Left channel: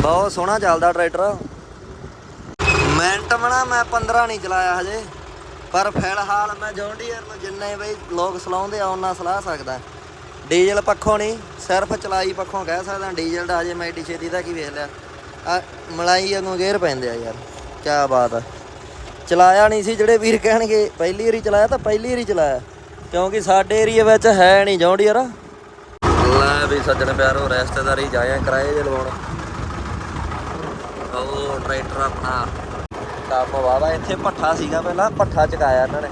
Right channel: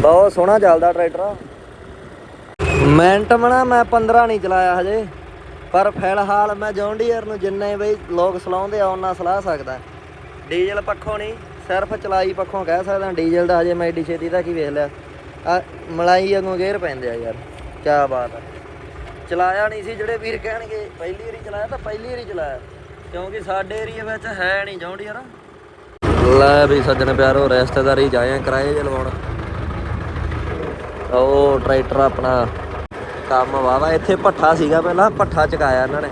ਬਹੁਤ ਸੋਹਣਾ ਚੱਲਦਾ ਟਰੈਕਟਰ। ਮਿੰਟ ਮਣਾ, ਮੈਂ 15 ਨਹੀਂ ਚਲਾਇਆ ਹਜੇ। ਪਰ ਫਿਲਹਾਲ ਮੈਂ ਜੌਨ ਡੀਅਰ ਨੂੰ ਜਿੰਨੇ ਬਈ ਲੋਕ ਸਲਾਉਂਦੇ ਆ, ਉਹਨਾਂ ਸਲਾਹ ਸਕਦਾ। ਡੀਜ਼ਲ ਪੱਖੋਂ ਨਹੀਂ, ਸਿਰਫ ਚਲਾਈ ਪੱਖੋਂ ਕਹਿ ਸਕਦਾ। ਡੀਜ਼ਲ ਦਾ ਹਜੇ ਮੈਂ ਏਡੀ ਛੇਤੀ ਦਾ ਕੀ ਵੇਖ ਲਿਆ। ਆ, ਮਲਾਈ ਵਾਂਗੂ ਗੇਅਰ ਪੈਂਦੇ ਆ ਯਾਰ। ਕੀ ਬਾਤ ਆ। ਚਲਾਇਆ ਨਹੀਂ ਸੀ, ਜਿਹੜੇ ਵੀਰ ਕਹਿਣਗੇ, ਪਹਿਲੀ ਵਾਰੀ ਚਲਾਇਆ ਤਾਂ ਪਹਿਲੀ ਵਾਰੀ ਚਲਾਇਆ। ਕਿਉਂਕਿ ਸਾਡੇ ਏਰੀਆ ਵਿੱਚ ਹੈ ਨਹੀਂ ਜੌਨ ਯਾਰ ਲੈ ਵੀ ਸੱਜਣ ਪਿਆਰੋ, ਰਿਸ਼ਤੇਦਾਰੀ ਜਾਏ ਕਰਾਏ ਦੇ ਲੋਕ ਉਹ ਟਰੈਕਟਰ ਆਪਣਾ ਕੰਮ ਵਾਵਾ ਇੱਥੇ ਪੱਠਾ ਸੀਗਾ ਪਹਿਲਾਂ ਪੱਠਾ ਚਕਾਇਆ ਇਹਨਾਂ ਨੇ।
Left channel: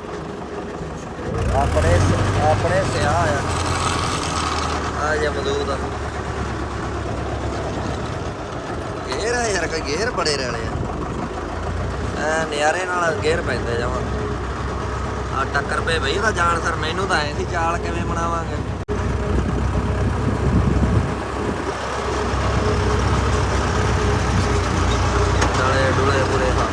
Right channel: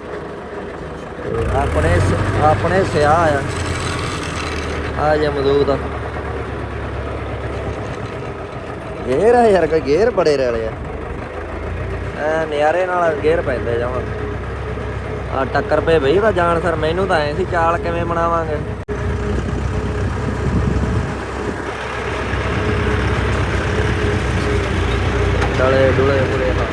ਆਪਣੇ ਸਿਆ ਆਇਆ। ਆ ਜੇ ਮਜ਼ਦੂਰ ਦਾ ਗੇਰ ਆ ਯਾਰ, ਕੋਈ ਗੇਰ ਬੜੇ ਰਲੇ ਆ। ਐ ਨਿਆਰੇ ਨਾਲ ਗੇਰ ਪੈਂਦੇ ਜਾਵਾਂ ਆ ਟੱਕਰ ਪੇ ਬਈ ਦਾ ਜਾਣ ਸਰ ਮੈਨੂੰ ਤਾਂ ਐ ਸੀ ਚਾਲ ਕਿਵੇਂ ਬਣਾਵਾਂਗੇ ਡਲੇ ਡੁਲੇ ਪੂਰੇ ਹਾਂ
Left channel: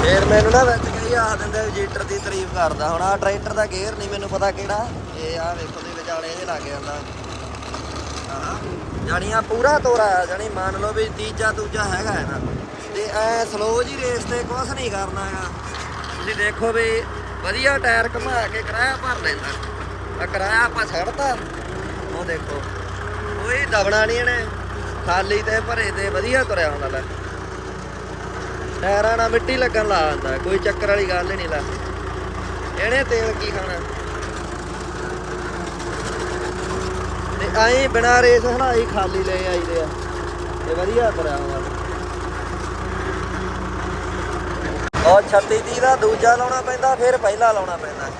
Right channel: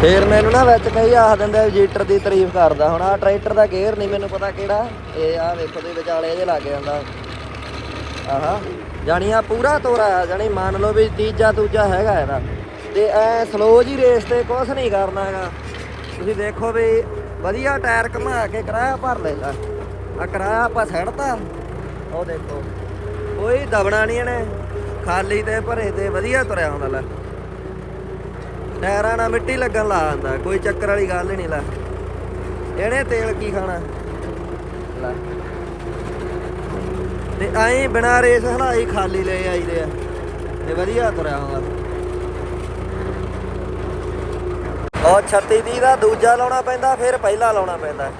ਫੇਰ ਮੈਨੂੰ ਨਾ ਵਿੱਚ ਕਈ ਆਖ ਦਿੰਦੇ ਜੀਟਰ ਦੀ ਤਾਰੀਫ ਕਰਦਾ ਹੁਣ ਆ ਟਰੈਕਟਰ ਦਾ ਗੇਅਰ ਨਹੀਂ ਮੈਨੂੰ ਪਤਾ ਕਿਹੜਾ। ਇਹ ਆ ਵੇਖੋ ਦੇ ਵਿਚਾਲੇ ਇਹਦੇ ਲੱਗ ਜਾਂਦਾ। ਆਹਾ ਜਾਣੀ ਆ ਪੂਰਾ ਤੋਰਾ ਜਾਣੀ ਮੰਨ ਲਓ ਵੀ ਤੀਜਾ ਦੂਜਾ ਹੈਗਾ ਇਹਦਾ। ਤੇ ਐ ਸਲੋ ਜੀ ਰੇਸ ਤੇ ਕੁਝ ਨਹੀਂ ਕਰਨਾ ਹੈਗਾ। ਤੁਸੀਂ ਦੇਖੋ ਵੀ ਵਧੀਆ ਟਾਇਰ ਘੁਮਾ ਕੇ ਕਿਰਾਇਆ ਭਰ ਲੈਂਦਾ। ਆ ਕਿਰਾਇਆ ਆਪਾਂ ਛੱਡਤਾ। ਉਹ ਦੇਖੋ, ਕੋਈ ਦਬਣਾ ਨਹੀਂ ਇਹਨੇ। ਖਾਲੀ ਤੇ ਭਰੇ ਤੇ ਵਧੀਆ ਤੁਰਿਆ ਹੁੰਦਾ ਲੈ ਟਾਇਰਾਂ ਨਾਲ ਮਿੱਟੀ ਲੱਗਣ ਲਾ ਦਿੰਦਾ, ਕੋਈ ਚੱਕਰ ਵਾਲੀ ਗੱਲ ਨਹੀਂ ਲਾ। ਇਹਨੇ ਤੇਲ ਕੀ ਖਾਣਾ? ਤੇ ਆਏ ਬਿਨਾ ਰੇਸ ਹਲਾਈ ਖਾਲੀ ਲੈ ਆਈਦੇ ਆ। ਇਹ ਵਧੀਆ ਤੁਰਿਆ ਬਹੁਤ ਛੱਤੀ ਦੀ ਦਾ ਦੂਜਾ ਲਾਉਣਾ ਪੈਂਦਾ, ਫਿਰ ਪਹਿਲਾ ਲਾਉਣਾ ਪੈਂਦਾ।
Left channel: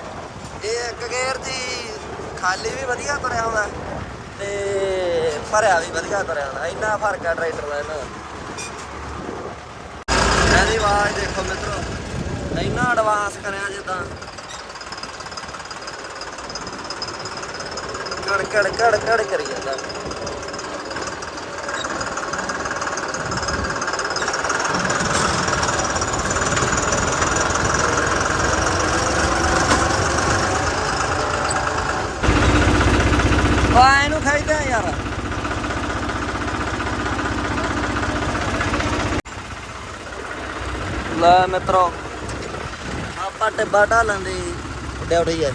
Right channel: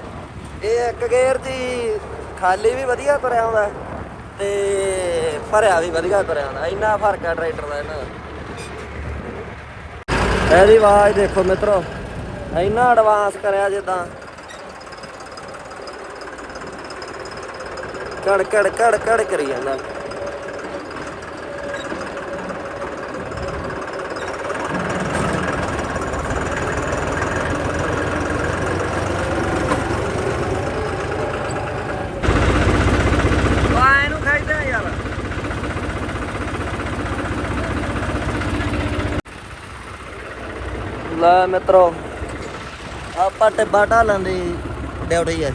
ਇਹ ਇੱਕ ਗੇਅਰ ਦੀ ਖਾਲੀ ਵੀ ਵਧੀਆ ਤੁਰਿਆ ਹੁੰਦਾ ਤੇ ਭਰਿਆ ਵੀ ਵਧੀਆ ਤੁਰਿਆ ਹੁੰਦਾ। ਇੰਨਾ ਫ਼ਰਕ ਆ ਟਰੈਕਟਰ ਇਹਦੀ ਆਵਾਜ਼ ਦੇਖੋ ਮਿੱਤਰੋ, ਇੰਨਾ ਐਡਵਾਂਸ ਕਰਿਆ ਜਿੱਦਾਂ। ਕੜ ਕੜ ਕੜ ਕੜ ਕਰੀ ਜਾਂਦਾ। ਆ ਇਹਨੂੰ ਖਾਈ ਜਾ ਯਾਰ। ਲੈ ਮਿੱਤਰੋ। ਆਪਾਂ ਟਿੱਬਾ ਢਾਲਣ ਦੀ ਡਿਊਟੀ ਆ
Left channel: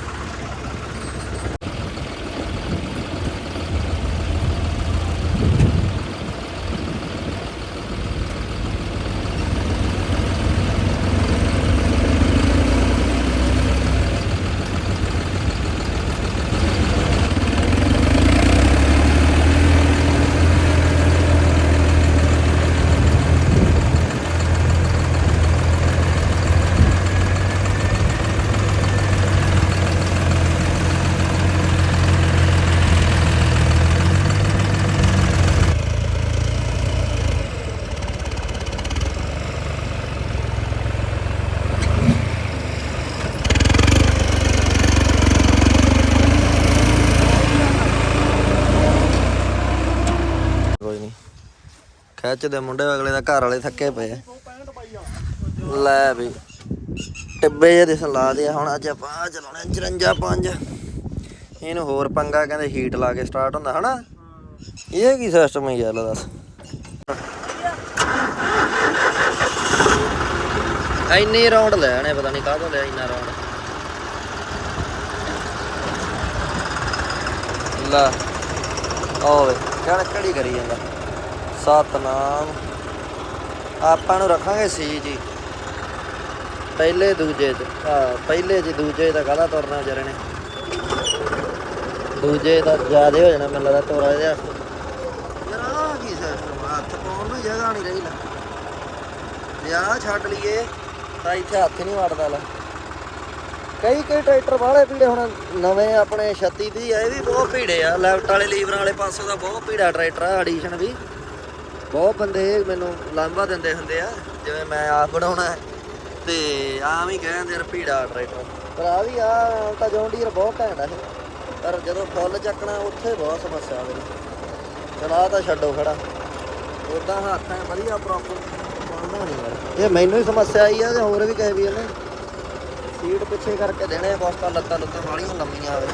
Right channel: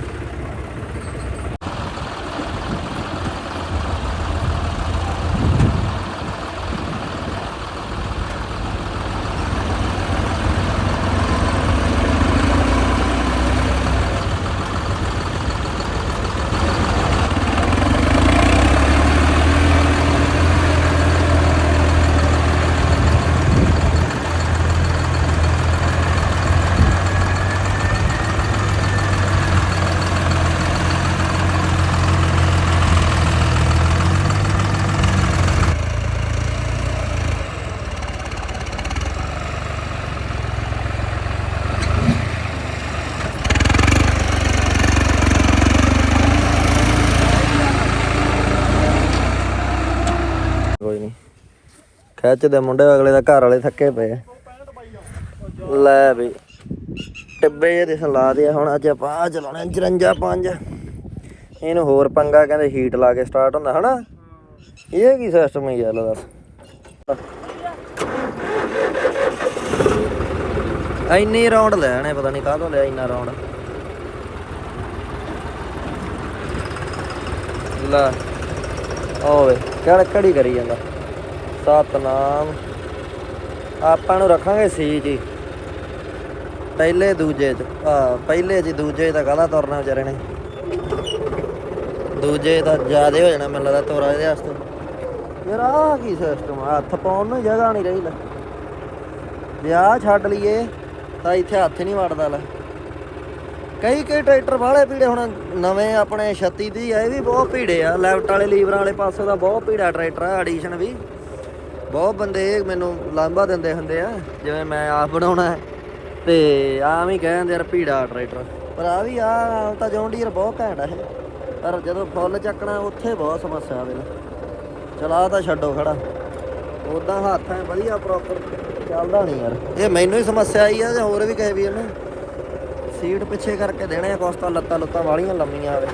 ਕੋਈ ਨਹੀਂ ਖਿੱਚਦੇ ਮੁੰਡੇ ਅਗਲੇ ਦਾ ਘਰ ਵਾਲੇ ਥੱਕੇ ਪਏ ਲੈ ਵੀ, ਟਿੱਬੇ ਜਿਹੇ ਦੇ ਲਾ ਦੇ ਹੁਣ ਅੱਜ ਆਪਾਂ ਆਹ ਚਲਾਉਣਾ 54 5 ਇਹਨੂੰ ਹੋਰ ਪੰਗਾ ਕਹਿੰਦੇ ਹੀਟ ਲਾ ਕੇ ਸਟਾਰਟ ਹੁੰਦਾ, ਹਨਾ? ਇਹ ਕੀ ਸਿਸਟਮ ਹੈ ਯਾਰ ਦੱਸ। ਇੰਨੇ ਰਾਉਂਡ ਲੈਣੇ, ਪਤਾ ਨਹੀਂ ਕਾਹਦੋਂ ਲਿਆ ਇੰਨਾ ਰਾਉਂਡ ਲਾ ਓਏ ਕਿਹੜਾ ਕਿਹੜੀ ਕਰੀ ਜਾਂਦਾ? ਸਤਨਾਮ। ਆਪਾਂ ਨੂੰ ਰੱਖਾਂਗੇ ਸੀ ਜੀ। ਪਹਿਲੇ ਦੂਜੇ ਪਹਿਲੇ ਜੀ ਦੂਜੇ ਦਾ ਗਾਣਾ ਤੁਰਨਾ ਵਿਚਾਰੇ ਦੂਜੇ ਦਾ ਜ਼ਿਆਦਾ ਹੋ ਜਾਣਾ ਮੈਨੂੰ ਲੱਗਦਾ ਤੋੜਾ ਜਿਹਾ। ਯਾਰ ਆ ਕੀ ਸਿਸਟਮ ਹੱਥ ਪਾਉਣ ਨੂੰ ਜਗ੍ਹਾ ਨਹੀਂ ਰਹੀ ਲੈ। ਵਿਆਹ ਛੱਡ ਲਈਏ। ਤਾਂ ਇੱਥੇ ਹੱਥ ਨਹੀਂ ਵੜਦਾ ਲੈ। ਕਈ ਕਈ ਟਰੈਕਟਰ ਵਾਲੇ ਪੀੜੇ ਹੁਣ ਨਵੇਂ ਆਪਣੇ 36 ਦੀ ਆ, ਇਹ ਵੀ ਬਹੁਤ ਭੀੜੇ ਆ। ਲੈਫਟ ਵਾਲੇ, ਲੀਵਰਾਂ ਵਾਲੇ ਪਾਸੇ ਦਾ ਬਹੁਤ ਭੀੜਾ ਟਰੈਕਟਰ ਆ ਐਡੀਸ਼ਨ ਵੀ। ਬਹੁਤ ਬੰਦੇ ਮੈਨੂੰ ਲਾਂਭਾ ਦਿੰਦੇ ਹੁੰਦੇ ਆ, ਜਿਵੇਂ ਮੈਂ ਆਪ ਬਣਾਉਣਾ ਹੈ, ਤੇ ਆਮ ਹੀ ਕਹਿੰਦੇ ਯਾਰ ਭੀੜਾ ਟਰੈਕਟਰ ਪਰ ਆ ਵੀ ਆ ਤਾਂ ਜੌਂਡੀਅਰ ਬਹੁਤ ਘਾਟ ਆ। ਪਰ ਜਦੋਂ ਫੁੱਲ ਚੱਕਣਾ, ਉੱਥੇ ਬਹੁਤ ਸਮੱਸਿਆ ਬਈ ਚਲਾ ਤਾਂ ਛੱਡੋ ਖੜਾ। ਉਦਾਂ ਹੱਥ ਐ ਵਧੀਆ ਪ੍ਰੋਪਰ ਚੱਲਦਾ ਨਹੀਂ ਯਾਰ। ਇਹ ਮੈਨੂੰ ਹੀ ਸਮੱਸਿਆ ਆਈ ਆ, ਤੇ ਹੋਰ ਵੀ ਕਹੇ ਵੀ ਆ ਨਾ। ਸੀਟ ਪਿੱਛੇ ਕਰਕੇ ਦੇਣੇ ਆ ਕੁਛ ਲੱਤਾਂ ਲੱਤਾਂ ਵਾਲੀਆਂ ਲੰਮੀਆਂ ਆਵੇ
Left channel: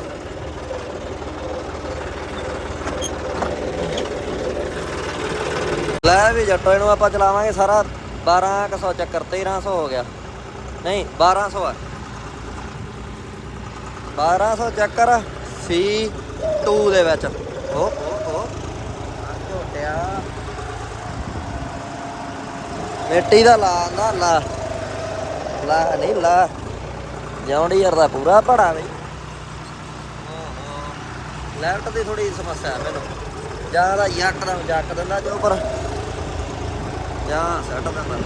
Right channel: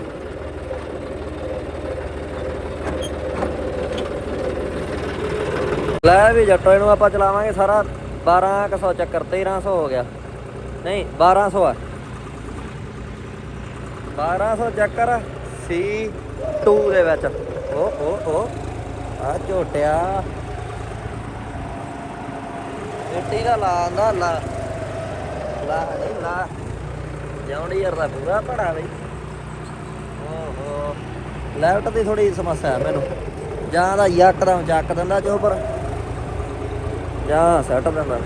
ਲੈ ਵੀ ਜੱਟੋ, ਇਹਨੂੰ ਆਪਾਂ ਚਲਾਵਾਂਗੇ ਸਾਰਾ 1200 ਚੱਕਰ 1300 ਹੋ ਗਿਆ। ਨਹੀਂ 1200 ਆ। 1200 ਚੱਕਰ C2 ਦੇ ਵਿੱਚ। ਓ ਓ ਓ। ਆ ਝੋਟਿਆ। ਮਿੱਟੀ ਦਾ ਲਾ ਆਂਦਾ, ਲਾ। ਲਾ ਨਹੀਂ, ਲਾ। ਜੌਂਡੀ ਯਾਰ ਦਾ ਪੂਰਾ ਭੜਾ ਬਈ। ਓਹੋ। ਲੈਫਟ ਦੀ ਥੋੜੀ ਸਮੱਸਿਆ ਮੈਨੂੰ। ਜਾਂ ਯਕਦਮ ਚੱਕ ਦਿੰਦਾ ਜੋ ਪਰ ਜਾਂ ਸੈੱਟ ਦਿੰਦਾ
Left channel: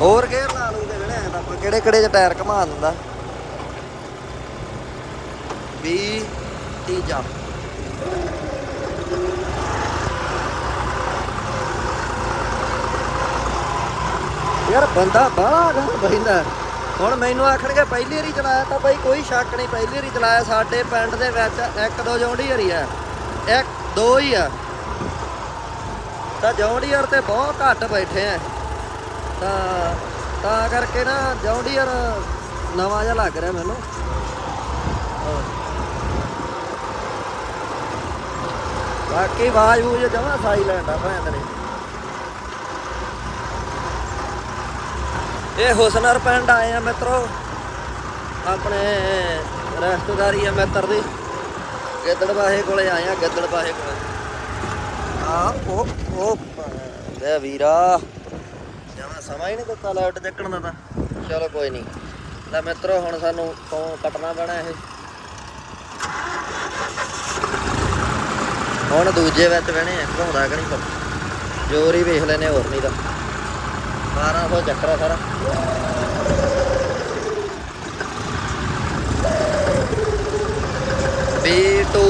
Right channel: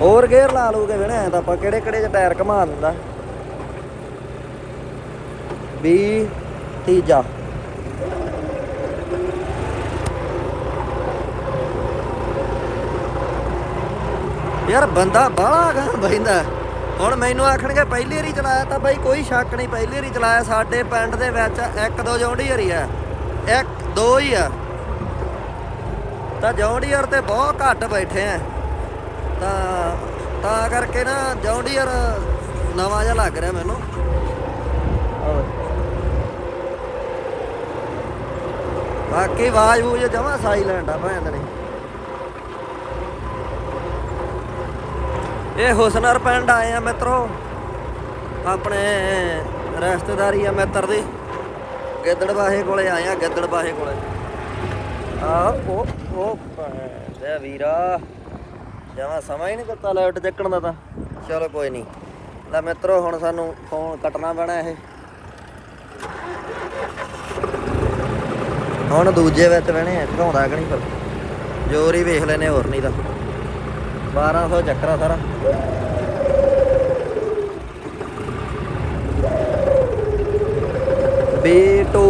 ਹੋਰ ਗੇਅਰ ਲਾ ਲੂਗੇ ਵੇਣੇ ਤਾਂ ਆਪਾਂ ਕਿਹੜੇ ਕਿਹੜੇ ਚ ਟਾਇਰ ਘਮਾ ਦਿੰਦਾ। 20 ਤੀਜਾ। ਯਾਰ ਬੰਦਾ ਬਾਹਰ ਬਹਿੰਦਾ ਹੁਣ ਮੈਨੂੰ ਆਖਣਗੇ ਪਹਿਲੀ ਵਾਰੀ ਚਲਾਇਆ ਤਾਂ ਬਈ ਕੋਈ ਸ਼ੱਕ ਨਹੀਂ, ਪਹਿਲੀ ਵਾਰੀ ਚਲਾਇਆ ਸਾਡੇ ਪਿੰਡ ਦੇ ਵਿੱਚ, ਇੱਕ ਦੋ ਜੋੜੀ ਹੀ ਆ। ਇੱਕ, ਦੋ ਹੀ ਆ। ਤਾਂ ਜੌਂਡੀਅਰ ਤੇ ਬਹੁਤ ਘੱਟ ਬੈਠੇ ਆ। ਤਾਂ ਤਾਂ ਕਰਕੇ ਨਾ ਜੌਂਡੀਅਰ ਨਵਾਂ ਜਿਹਾ ਲੱਗ ਰਿਹਾ ਮੈਨੂੰ। ਬਾਕੀ ਆਵਾਜ਼ ਉਹ ਜਮਾ ਸਾਈਲੈਂਟ ਆ ਇਹ ਹੁਸਨਰ ਪਿੰਡ ਆਏ ਆ ਮਿੱਤਰੋ। ਆਪਣੇ ਰਿਸ਼ਤੇਦਾਰੀ ਆ ਮਿੱਤਰ ਦੇ। ਗਿੱਦੜ ਬਾਹੇ ਕੋਲੇ ਆਏ ਆ ਗਿੱਦੜ ਬਾਹੇ ਕੋਲੇ। ਆ ਉਹ ਉਹ ਦੇ ਵੀਰਾ। ਜਮਾ ਸਮਾਂ ਹੀ ਨਹੀਂ ਦਿੱਤਾ ਲੈਟ ਚੱਕਣ ਦਾ ਤਾਂ। ਚਲੋ ਕੋਈ ਨਹੀਂ। ਲੈ ਮਿੱਤਰੋ ਹੁਣ ਸਾਨੂੰ ਫੋਨ ਕੱਟਣਾ ਪੈਣਾ ਇਹ। ਹੁਣ ਦੂਜੇ ਵਿੱਚ ਬਹਿਣੇ ਆ ਘਾਉਣਾ ਕਿ ਨਹੀਂ ਜੋਰ ਹੀ ਵੇਖ ਲੈਨੇ ਹੋਰ ਨਹੀਂ ਤਾਂ। 1200 ਚੱਕਰਾ ਸਾਰਾ B2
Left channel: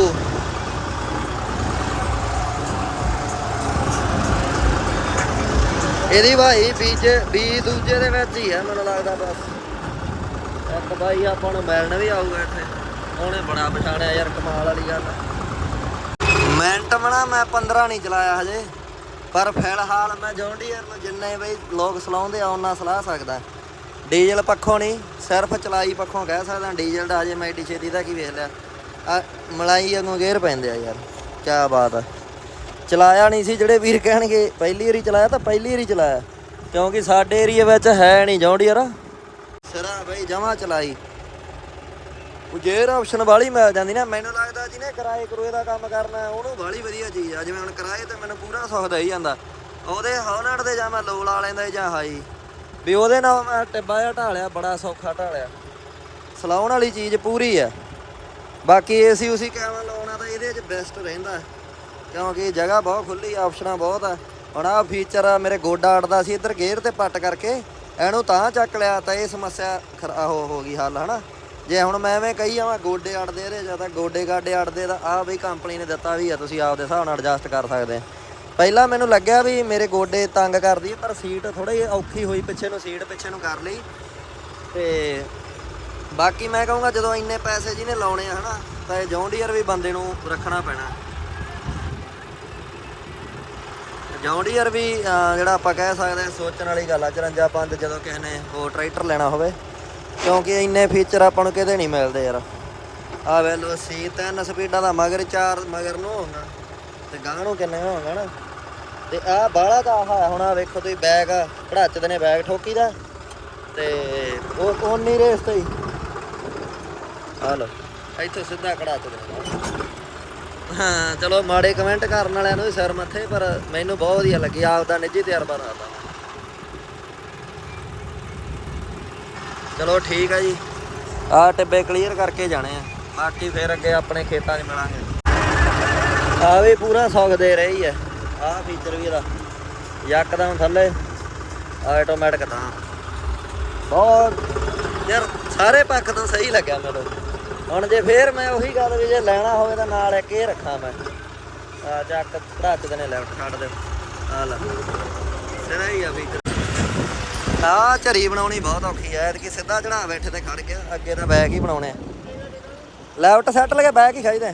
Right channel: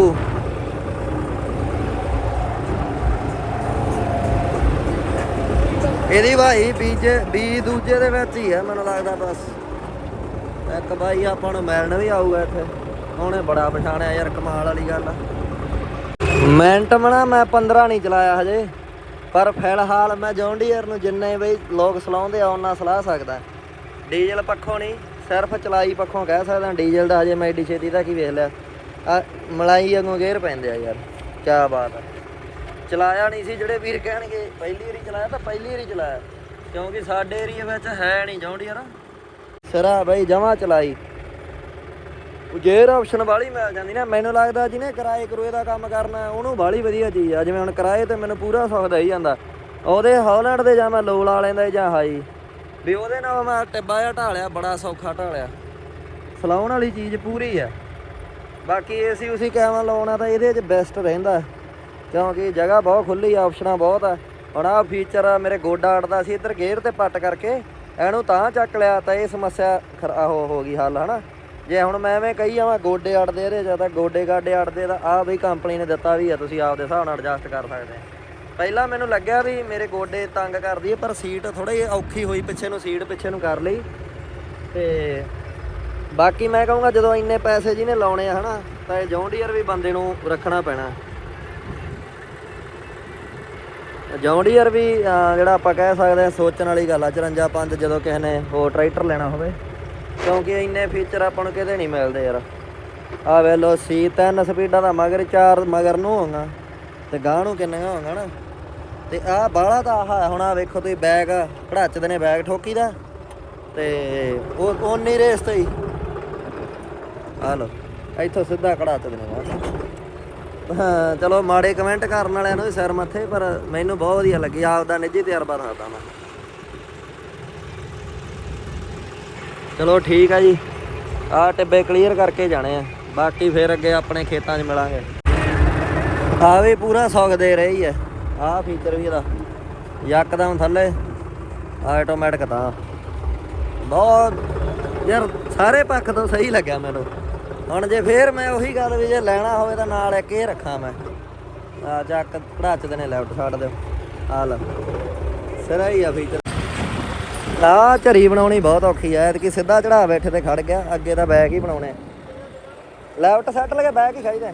ਇਹਦੀ ਭਾਈ ਬੀਜ ਬੀ ਦੂਜੇ ਦੇ ਵਿੱਚ ਹੀ ਆ ਮੈਨੂੰ ਲੱਗਦਾ ਬਸ ਇੱਕ ਭਾਈ ਆਪਾਂ ਨੂੰ ਮਿਲਣ ਵੀ ਆਊਗਾ ਇੱਥੇ ਉਹਨੇ ਬੜਾ ਪਛਾਣਿਆ ਯਾਰ ਕਮਾਲ ਵਾਲੀ ਗੱਲ ਆ। ਮਿੰਟ ਮਣਾ, ਮੈਂ 15 ਨਹੀਂ ਚਲਾਇਆ ਹਜੇ। ਪਰ ਫਿਲਹਾਲ ਮੈਂ ਜੌਂਡੀਅਰ ਨੂੰ ਜਿੰਨੇ ਬਈ ਲੋਕ ਸਲਾਉਂਦੇ ਆ, ਉਹਨਾਂ ਸਲਾਹ ਸਕਦਾ। ਡੀਜ਼ਲ ਪੱਖੋਂ ਨਹੀਂ, ਸਿਰਫ ਚਲਾਈ ਪੱਖੋਂ ਕਹਿ ਸਕਦਾ। ਡੀਜ਼ਲ ਦਾ ਹਜੇ ਮੈਂ ਏਡੀ ਛੇਤੀ ਦਾ ਕੀ ਵੇਖ ਲਿਆ। ਆ, ਮਲਾਈ ਵਾਂਗੂ ਗੇਅਰ ਪੈਂਦੇ ਆ ਯਾਰ। ਕੀ ਬਾਤ ਆ। ਚਲਾਇਆ ਨਹੀਂ ਸੀ, ਜਿਹੜੇ ਵੀਰ ਕਹਿਣਗੇ, ਪਹਿਲੀ ਵਾਰੀ ਚਲਾਇਆ ਤਾਂ ਪਹਿਲੀ ਵਾਰੀ ਚਲਾਇਆ। ਕਿਉਂਕਿ ਸਾਡੇ ਏਰੀਆ ਵਿੱਚ ਹੈ ਨਹੀਂ ਜੌਂਡੀਅਰ। ਸਿਰਾ ਬਈ ਜਮਾ ਚਲਾਈ। ਉਹ ਜੇਰ ਆਪਸ਼ਨ ਵਾਲੀ ਮਿਲ ਜਾਂਦੀ ਨਾ, ਮੈਨੂੰ ਲੱਗਦਾ ਜਿਹਨੇ ਕਿਰਾਏ ਕਰੂਏ ਦਾ ਕੰਮ ਕਰਨਾ, ਉਹਨੂੰ ਵਾਲੀ ਵਧੀਆ ਚੀਜ਼ ਆ। ਜਿਵੇਂ ਹੁਣ ਕਿਰਾਏ ਤੇ ਮੈਨੂੰ ਪੂਰਾ ਸੁੱਖ ਦੇਈ ਜਾਂਦਾ। ਉਹਦੇ ਹੌਲੈਂਡ ਦੇ ਜਾਂ ਮੈਂ ਲੋਲ ਆ ਲੈਂਦਾ ਜਾਂ ਹਾਈ। ਵੀ ਉਹਦੇ ਨਾਲ ਮੈਂ ਟਿੱਬਾ ਜਿਹਾ ਢਾਲਿਆ, ਬੜਾ ਸੌਖਾ ਢਾਲਿਆ। ਸਲਾਉਣ ਵਾਲੀ ਚੀਜ਼ ਪੂਰੀ ਆ। ਬਾਕੀ ਏਸੀ ਉਸੀ ਕੈਮਰਾ ਲਾਉਣਾ ਤਾਂ ਇਹਦੇ 'ਚ ਬੈਸਟ ਰਹਿੰਦਾ। ਕਿਉਂਕਿ ਜਗ੍ਹਾ ਬਹੁਤ ਖੁੱਲੀ ਆਪਸ਼ਨਾਂ ਬਹੁਤ ਆ। ਹੁਣ ਆਹ ਫੀਚਰ ਆ, ਮੇਰੇ ਗੋਡਾ ਅੜਦਾ ਸੀ ਇੱਧਰ ਗੇਅਰ ਤੇ ਪੱਟ ਕਰਕੇ। ਇਹਨੂੰ ਤਾਂ ਚੱਕ ਲਿਆ ਤਾਂ ਇਹ ਸਮੱਸਿਆ ਖਰਾ ਹੋ ਹੋ ਗਈ ਹੱਲ, ਹਨਾ? ਜੇ ਹੁਣ ਮੈਂ ਐਵੇਂ ਕਹੀ ਜਾਵਾਂ ਗੋਡੇ ਅੜਦੇ ਇਹਦੇ ਜਾਂ ਤਾਂ ਗੋਡੇ ਗਾਡੇ ਅੜਦੇ ਤਾਂ ਆਹ ਬਈ ਕੰਪਨੀ ਨੇ ਦਿੱਤਾ ਵੀ ਆ ਤੁਸੀਂ ਆਪਦੇ ਹਿਸਾਬ ਨਾਲ ਐਡਜਸਟ ਕਰ ਸਕਦੇ ਆ। ਪਹਿਲਾਂ ਮੈਨੂੰ ਲੱਗਿਆ ਵੀ ਮੇਰੇ ਗੋਡੇ ਤੰਗ ਕਰਦੀ ਹੈ ਪਰ ਸੀਟ ਥੋੜੀ ਔਖੀ ਹੋਈ ਪਿੱਛੇ ਨੂੰ ਸੀਟ ਪਿੱਛੇ ਨੂੰ ਕਰ ਲਈ। ਤੇ ਬਾਕੀ ਮੈਂ ਕਹੂੰਗਾ ਜਦੋਂ ਇੰਨੇ ਪੈਸੇ ਜਿਹਨੇ ਲਾਉਣੇ ਆ ਹਨਾ ਤਾਂ ਇਹ ਜੌਂਡੀਅਰ ਵੀ ਬੰਦੇ ਨੂੰ ਰੱਖਣਾ ਪੈਣਾ। ਜੌਂਡੀਅਰ ਵੀ ਅਹ, ਜਿਹੜਾ ਆਪਾਂ ਕਹਿ ਸਕਦੇ ਆ ਸੋਚਣ ਵਾਲੀ ਗੱਲ ਆ 54 ਪੰਜ ਜਦੋਂ ਕਿਸੇ ਨੇ ਹੋਰ ਟਰੈਕਟਰ ਲੈਣਾ ਹੋਵੇ। ਕਿਉਂਕਿ ਇੰਨੇ ਫੀਚਰ ਆਪਾਂ ਨੂੰ ਕਿਤੇ ਨਹੀਂ ਮਿਲਦੇ ਯਾਰ। ਆ ਵੇ ਲੋ ਸੀ ਤਿੰਨ ਸਪੀਡਾਂ ਦਾ ਮਗਰ ਚਾਰ ਮਗਰ ਨੂੰ ਹੋਣਾ ਤੇ ਗਾਹ ਨੂੰ ਕਿੰਨੀਆਂ ਹੋਣਾ ਨਾ। ਤੇ ਆ ਬਾਹਲਾ ਦਾ ਹੁਣ ਆ ਵੇਖੋ ਤੁਸੀਂ ਬੈਗ ਘੜਾਚਦੇ ਨੇ ਬੈਗ ਠੋਕੀ ਦਾ। ਤੇ ਉਹ ਉਨੀ ਰੇਸ ਤੇ ਹੀ। ਇੱਥੋਂ ਸਿੱਧਾ ਘੜਾਚਦੇ ਹਾਂ, ਚਲੋ ਮਾੜੇ ਕਮੈਂਟ ਕਰਨ ਵਾਲਿਆਂ ਨੂੰ ਸਿਰ ਮੱਥੇ, ਪਰ ਮੈਨੂੰ ਬਹੁਤ ਵਧੀਆ ਲੱਗੀ ਆਪ ਦਾ ਨਿੱਜੀ ਤਜਰਬਾ ਦੱਸਦਾ ਚਲੋ ਠੀਕ ਆ ਜੀ। ਆ ਟਿੱਬੇ ਕਲੀਅਰ ਕਰਕੇ ਜਾਣੇ ਆ। ਬਾਕੀ ਫਿਰ ਅੱਗੇ ਆਪਣੇ ਖੇਤਾਂ 'ਚ ਮਿਲਾਂਗੇ। ਹਾਂ ਵੀ ਪੂਰਾ ਸੌਗ ਦੇ ਰਹੀ ਆ। ਆਹ ਫੀਚਰ ਵੀ ਇਹਦਾ ਯਕਦਮ ਥੱਲੇ। ਆਟੋਮੈਟਿਕ ਤਾਂ। ਬਹੁਤ ਯਾਰ, ਸਾਰੇ ਪੱਖ ਤੋਂ ਸਹੀ ਲੱਗਿਆ ਮੈਨੂੰ। ਹੁਣ ਜੇ ਫੇਰ ਮੈਂ ਉਹੀ ਗੱਲ ਵੀ ਜੇ ਲੈਣਾ ਹੋਵੇ ਤਾਂ ਨਾਲ ਇੱਕ ਇਹ ਰੱਖਾਂ ਮੈਂ। ਆ ਜਾ ਕੇ ਰੱਖ ਦੇ ਨੇ ਲੈਫਟ ਛੱਡ ਦੇ। ਆ ਲੈ। ਸਿਰਾ ਹੀ ਆ ਫੀਚਰ ਆ ਝਰੀ ਬਣਾਉਣੀ ਬਹੁਤ ਔਖੀ ਐ ਕਿ ਸਿੱਧਾ ਚੜਾ ਬੈਠੇ ਤੇ ਖੜ ਗਿਆ, ਅੱਗੇ ਤਾਂ ਬੈਗ ਹੀ ਬਣਾਉਣੇ ਆ। ਲੈਫਟ ਸੈੱਟ ਲਗੇ, ਬੈਗ ਹੀ ਖਾਈਦਾ।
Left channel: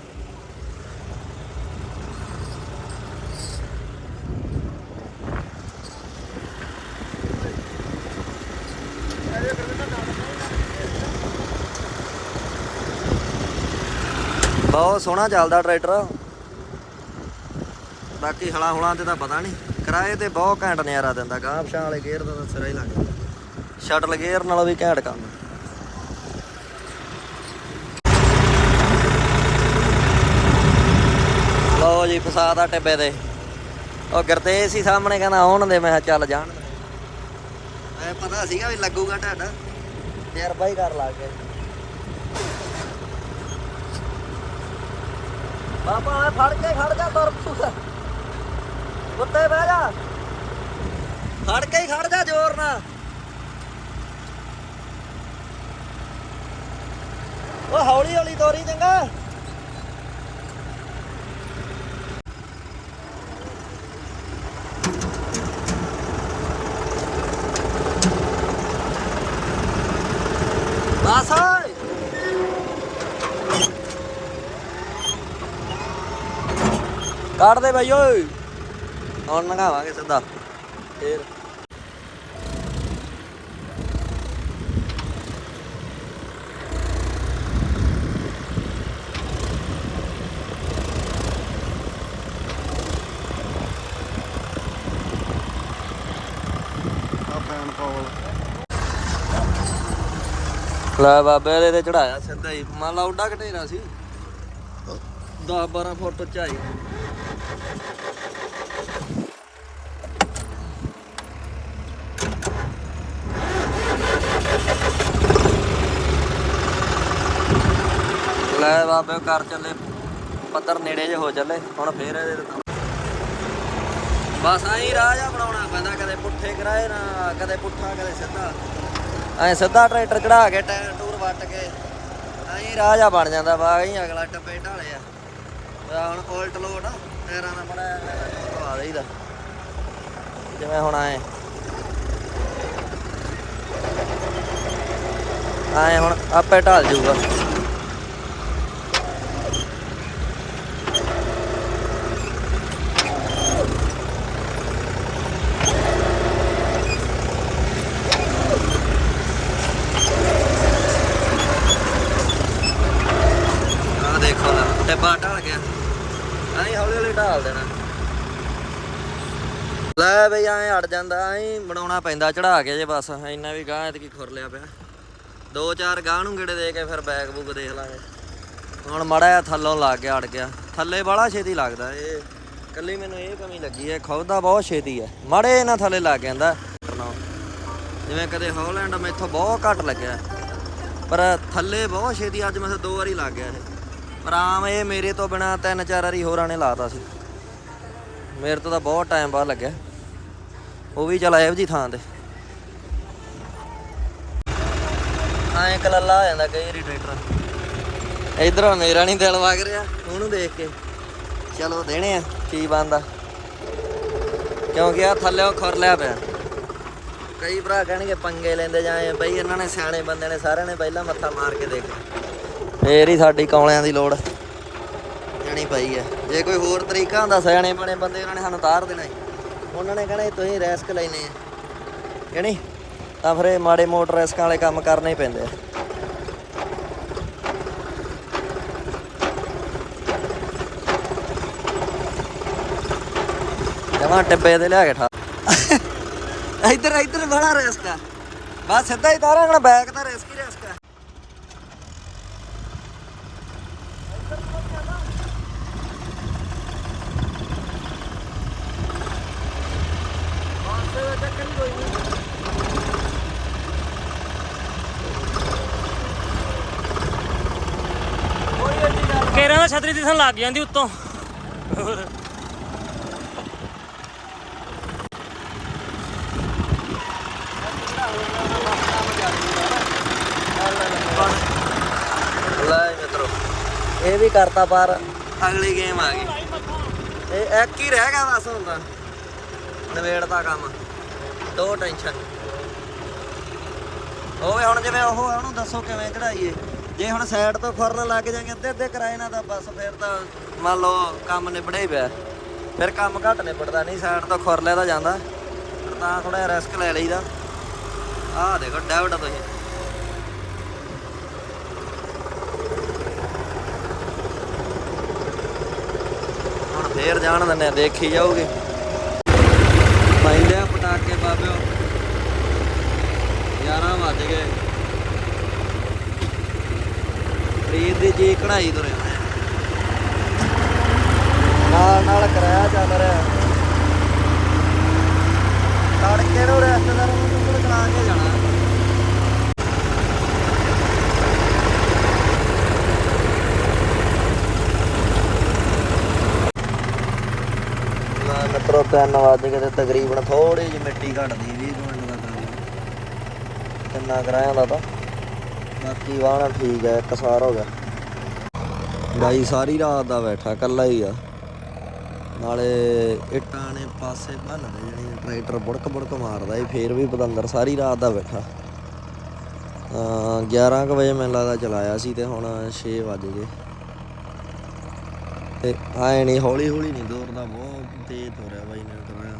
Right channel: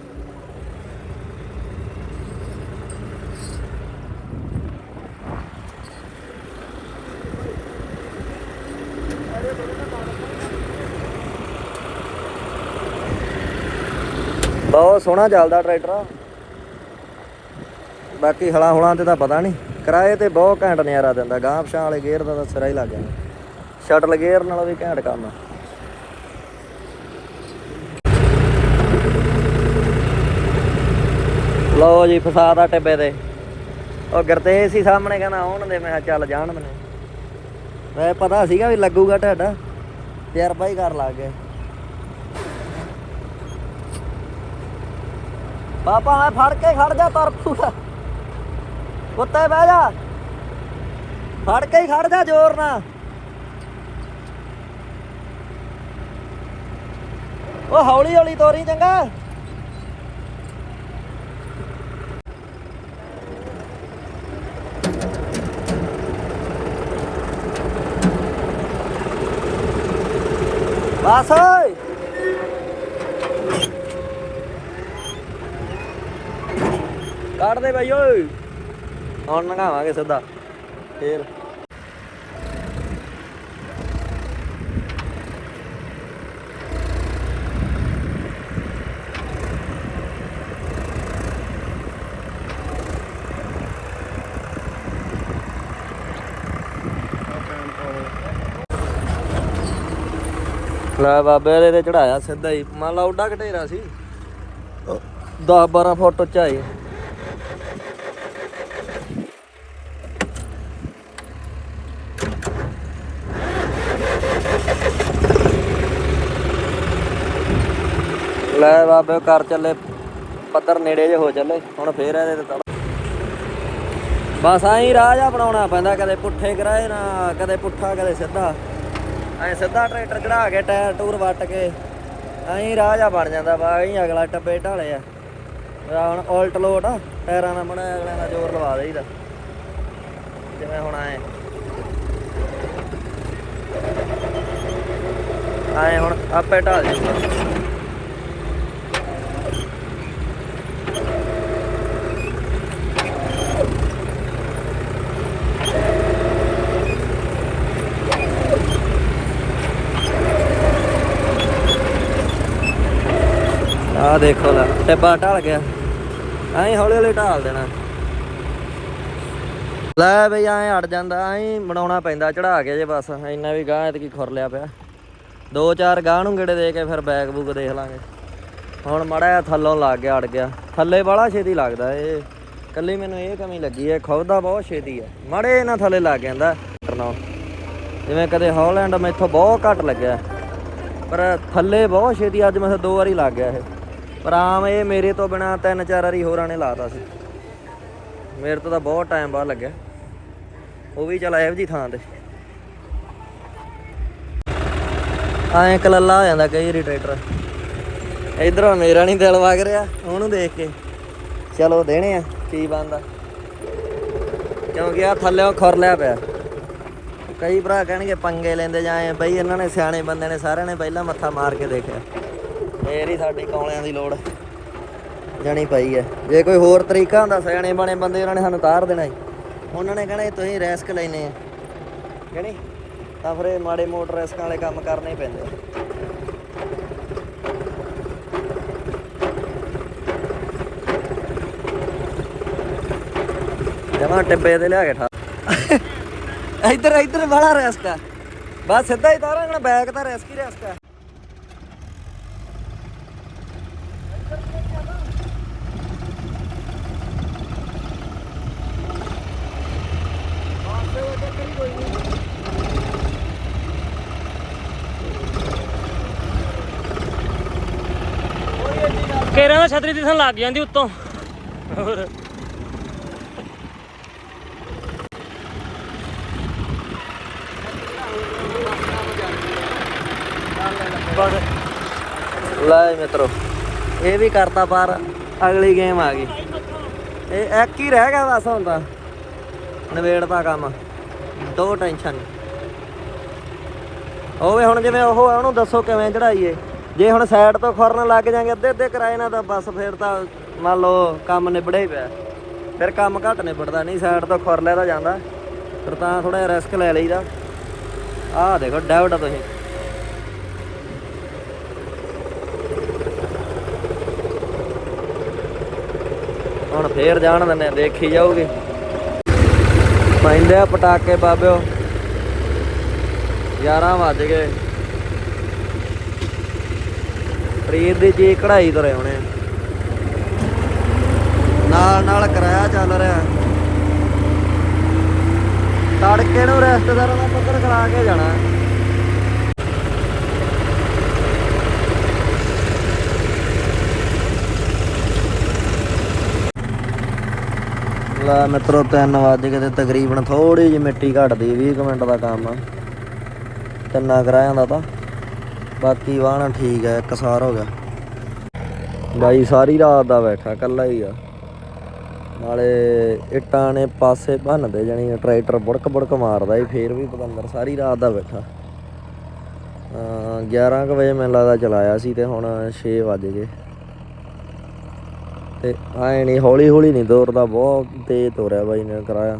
ਬਹੁਤ ਸੋਹਣਾ ਚੱਲਦਾ ਟਰੈਕਟਰ। ਬਾਕੀ ਹਲਾ ਹੁਲਾਂ ਤੇ ਤਾਂ ਪਤਾ ਨਹੀਂ। ਕਿਰਾਏ ਤੇ ਬਹੁਤ ਘੈਂਟ ਨਜ਼ਾਰਾ ਦਿੰਦਾ, ਗਾਂਹ ਵਾਲੇ ਗੇਅਰ ਦਾ ਤਾਂ ਸਿਰਾ ਹੀ ਲੱਗ ਜਾਂਦਾ। ਸ਼ਟਲ ਗੇਅਰ ਨਾਲੋਂ ਵੀ ਘੈਂਟ ਕੰਮ ਆ। ਲਓ ਜੀ ਫਸਾਦਾ ਟਿੱਬੇ ਤੇ। ਉਹ ਗੁਰਤੇਜ ਸੀ ਸਾਹਮਣੇ, ਕਹਿੰਦਾ ਆਉਣ ਦੇ, ਮੈਂ ਚੱਲ ਜਾਣ ਦੇ। ਮੈਂ ਪਤਾ ਸੀਗਾ ਵੀ ਲੱਗੂਗਾ ਤੁਹਾਡਾ ਤਜਰਬਾ ਹੀ ਕਰ ਲੱਗ ਗਿਆ। ਬਾਬਾ ਫੜ ਕੇ ਖੜ ਜਾ ਤਰਫੂਗਾ ਉੱਤੇ ਬਹਿ ਜਾ। ਫੜ ਕੇ ਹੀ ਖੜ ਜਾ ਜ਼ੋਰ ਨਾਲ। ਉਹ ਹੌਲੀ ਹੌਲੀ ਤੋਰੀ ਚੰਗਾ। ਬਸ ਓਏ। ਕੱਢ ਦੇ ਬਾਈ ਓਏ। ਹੁਣ ਨਗਾਵਾਂਗੇ ਸਿੱਧਾ। ਫੇਰ। ਲੈ ਬਾਬੇ ਇਹਦੇ ਤੇ ਚੜਾਇਆ ਸਿੱਧਾ ਹੀ। ਮੰਨ ਲਾ ਉੱਡਾ ਘਟੇਰਾ ਸੀ। 10 12 ਫੁੱਟ ਉਚਾਈ ਲੈ ਬਾਬੇ, ਘਰ ਚੱਲੇ, ਪੱਧਰ ਨੇੜੇ ਜੇ ਹੋ ਚੱਲੇ, ਹੁਣ ਫੇਰ ਇਹਦੇ ਤੇ ਬਸ ਐਂ ਰਾਹ ਜਾ ਬਣਾਉਣਾ ਪੈਂਦਾ, ਕਦੇ ਪੁੱਠੇ ਕਰਾਏ ਨਾ ਕਦੇ ਪੁੱਠਾ, ਕਦੇ ਸਿੱਧਾ। ਐ ਸਿੱਧਾ ਟਰੈਕਟਰ ਚੜਾ ਕੇ, ਟਾਇਰ ਟੂਰ ਵੱਟ ਕੇ, ਐਂ ਰਾਹ ਜਾ ਬਣ ਜਾਂਦਾ ਵਾ ਐਂ ਅਗਲਾ ਟੱਪੇ ਢਾਲੇ ਆ। ਹੁਣ ਉਲਟ ਲੋਟ ਆ, ਟਾਇਰਾਂ ਨਾਲ ਬਣਾਇਆ ਜ਼ੋਰ ਲਵਾ ਦੇਈਦਾ। ਜਿਵੇਂ ਹੁਣ ਆਏ ਆਏ ਹੁਣ ਆਪੇ ਢਾਲ ਜਾਊਗਾ ਆ ਦੇਖੋ ਟਿੱਬਾ ਢਲ ਗਿਆ। ਐਂ ਹੌਲੀ ਹੌਲੀ ਢਾਲ ਦੇਣਾ। ਲੈ ਬਈ ਐਂ ਅੜ ਜਾਂਦਾ, ਐਂ ਬਣਾਉਣਾ ਪੈਂਦਾ ਚੜਾ ਕੇ ਜੇ ਬਸ। ਇੰਨਾ ਵੀ ਗਾਂ ਐਤਕੀ ਖੁਰ ਲਿਆ ਪਿਆ। ਦੋ ਚਾਰ ਗਾਂ ਨੂੰ ਗੇੜੇ ਦੇ ਕੇ ਫਿਰ ਬੈਗ ਬੂਗ ਦੇਖ ਲਾਂਗੇ। ਹੁਣ ਮੜਾ ਜਿਹਾ ਥੱਲੋਂ ਲੱਗ ਗਿਆ, ਅੜ ਗਿਆ। ਥੱਲੇ ਬਾਹਲਾ ਛੇਤੀ ਲੱਗਦਾ ਇਹ ਕੱਲੀ ਮੈਨੂੰ ਇਹ ਕਮੀ ਲੱਗੀ ਹੈ ਖੁੱਬਦਾ ਬਹੁਤ ਛੇਤੀ ਹੈ ਮੜੇ ਇਹਨਾਂ ਥੱਲੇ ਲੱਗ ਜਾਂਦਾ ਟਰਨੋ ਜਿਵੇਂ ਕਦੇ ਹਾਲੈਂਡ ਮੈਥੋਂ ਬਹੁਤ ਘੱਟ ਲੱਗਿਆ। ਪਰ ਥੱਲੇ ਬਹੁਤ ਛੇਤੀ, ਅੱਜ ਮੈਂ ਦੋ ਵਾਰੀ ਲੱਗ ਗਿਆ ਇਹ। ਪਰ ਆਮ ਇਹ ਮੇਰੇ ਤੋਂ ਬਿਨਾ ਤਿੰਨ ਚਾਰ ਵਾਰੀ ਹੋਰਾਂ ਨੇ ਲਾਤਾ ਸੀ। ਮੇਰੇ ਤੋਂ ਤਾਂ ਬਹੁਤ ਟਾਈਮ ਬਾਅਦ ਲੱਗਿਆ। ਉਹ ਵੀ ਚਲ ਇਹੋ ਜੀ ਥਾਂ ਤੇ। ਐਂ ਕਲੱਲਾ ਹੋ ਜਾਂਦਾ ਕਈ ਵਾਰੀ ਟਰੈਕਟਰ ਇਧਰੋਂ ਮੇਰਾ ਨਹੀਂ ਦਿਲ ਵਗ ਰਿਹਾ। ਉਹਨੂੰ ਦੇਖ ਕੇ। ਚਲੋ ਦੇਣੇ ਆ, ਕੀ ਬੰਦਾ ਕਿਉਂਕਿ ਆ ਥੱਲੇ ਖੁਰ ਲਿਆ ਪਿਆ। ਕਈ ਭਰਾ ਕਹਿਣਗੇ ਪੰਗੇ ਲੈਂਦੇ ਜਾਏ ਬਈ ਇਹਨਾਂ ਨੇ ਸਿਆਣੇ ਬੰਦੇ ਨੇ, ਸਾਰਿਆਂ ਨੇ ਪਹਿਲਾਂ ਮੱਥਾ ਮਾਰ ਕੇ ਦੇਖਿਆ। ਫੇਰ ਹੀ ਸਾਡੀ ਕੌਲਿਆਂ ਦੀ ਲੋੜ ਜਣੀ ਪਈ ਹੈ ਜੇ ਕੋਈ ਹੋਰ ਤਰੀਕਾ ਹੁੰਦਾ, ਸਿਆਣੇ ਬਣੇ ਬੰਦੇ ਉਹਨਾਂ ਨੇ ਸਾਨੂੰ ਤਾਰ ਦੇਣਾ ਸੀ ਉਹਨਾਂ ਨੇ ਕਹਿਣਾ, ਤੁਸੀਂ ਰਿਸਕ ਲੈਨੇ ਆ। ਕਹਿਣੀ ਤਾਂ ਫਿਰ ਇਹ ਮਾੜੇ ਮੋਟਰ ਰਿਸਕਾਂ ਵਾਲੇ ਕੰਮ ਕਰਨੇ ਪੈਂਦੇ ਆ। ਜਮਾ ਟਿੱਬੇ ਤੇ ਲਿਆ ਕੇ ਠਾ ਇੱਧਰ ਇੱਧਰ ਬੜਾ ਰਿਸਕ ਆ। ਬਸ ਸਿੱਧਾ ਹੀ ਤੋਰਾਂਗਾ ਬੈਕ ਤਾਂ ਰਿਸਕ ਹੀ ਰਿਸਕ ਆ। ਕੇਰਾਂ ਦਾ ਛਤਰੀ ਦਿਸਣ ਲੱਗ ਜਾਂਦੀ ਉੱਤੋਂ। ਹੋਰ ਬੜ ਲੈ ਮਿੱਤਰੋ ਇਹ ਵੀ ਕਰਤਾ ਪਾਰ ਅਗਲੀ ਗੇਮ ਆ ਗਈ। ਇਹ ਇੱਕ ਹੀ ਰਹਿ ਗਿਆ ਬਸ ਹੁਣ ਤਾਂ। ਨਵੇੜਦਾ ਕੰਮ। ਦੋ ਟੈਨਸ਼ਨ ਓਏ ਹੁਣ ਜਿਵੇਂ ਉਹ ਆ ਉਹਨੂੰ ਦੱਸੋ ਕਿਵੇਂ ਚੜਾਈਏ। ਜੇ ਹੁਣ ਸਾਈਡ ਤੋਂ ਖੁਰਨ ਲੱਗ ਜਾਗੇ, ਅੱਧੇ ਅੱਧੇ ਕਿਰਾਏ ਨਾਲ ਤਾਂ ਬਸ ਫਿਰ ਤਾਂ ਮੰਨ ਲਓ ਕੰਮ ਨਿਬੜਿਆ ਹੀ ਪਿਆ। ਫਿਰ ਕੰਮ ਘੱਟ ਨਿਬੜਦਾ, ਨਹੀਂ ਸਾਈਡ ਤੋਂ ਖੁਰ ਲਿਆ ਤਾਂ ਜਾਂਦਾ। ਫਿਰ ਤਾਂ ਥੋੜਾ ਰਿਸਕ ਲੈ ਲਈਦਾ। ਆਹ ਦੇਖੋ ਡੈਵਟ ਤੁਸੀਂ। ਹੁਣ ਫੇਰ ਜਾਣ ਦਿੰਦੇ ਆ, ਦੇਖੀ ਜਾਊਗੀ। ਪੈਂਦੇ ਆ ਪਟਾਕੇ ਬਾਬਿਓ। 11 ਵੱਜ ਗਏ। ਪ੍ਰੀਤ ਦੀ ਜੀ ਕਢਾਈ ਤੁਰੇ ਹੋਣੇ। ਨਾਲ ਨਾਲ ਕਰਾਇਆ ਚੱਲ ਰਿਹਾ। ਤੜਕੇ ਨੂੰ ਰਿਸ਼ਤੇਦਾਰਾਂ ਨੂੰ ਚਲਾ ਕੇ ਜਾਣਾ। ਲਾ ਮਿੱਤਰੋ ਤਿੰਨ ਵੱਜ ਗਏ ਤੇ ਤਕਰੀਬਨ ਥੋੜੀ ਜਿਹੀ ਮਿੱਟੀ ਘਟਦੀ 20 ਕੁ ਮਿੰਟ ਦਾ ਕੰਮ ਆ। ਕਿੰਨਾ ਕਰਾਇਆ ਹੁੰਦਾ ਤਾਂ ਬਾਕੀ ਵਾਹਣਾ ਠੀਕ ਹੈ, ਇੱਕ ਹੋ ਗਿਆ। ਬਾਈ, ਸਾਰੀ ਰਾਤ ਦਾ ਬੈਠਾ ਕੱਲਾ ਹੀ ਆ। ਨਾਲੇ ਇਟਾਂ ਨੇ ਪਾਸੇ ਭੰਨਦੇ ਜਾਣੀ ਟਰੈਕਟਰ ਬੁੜਕ ਬੁੜਕ ਮਾਰਦਾ ਈ, ਫੇਰ ਵੀ ਪਤੰਦਰ ਸਾਰੀ ਰਾਤ ਦਾ ਬੈਠਾ। ਅਹ 11 ਕੁ ਵਜੇ ਮੈਨੂੰ ਲੱਗਦਾ ਚਲਾਇਆ ਸੀ ਤੇ ਹੁਣ 6 ਵੱਜ ਗਏ। ਤੇ ਆਏ ਨਹੀਂ ਹੌਲੀ ਹੌਲੀ ਨਹੀਂ ਦੌੜਦਾ, ਬਹੁਤ ਤੇਜ਼ ਤੋਰਿਆ ਬਾਈ ਨੇ ਕਰਾਇਆ।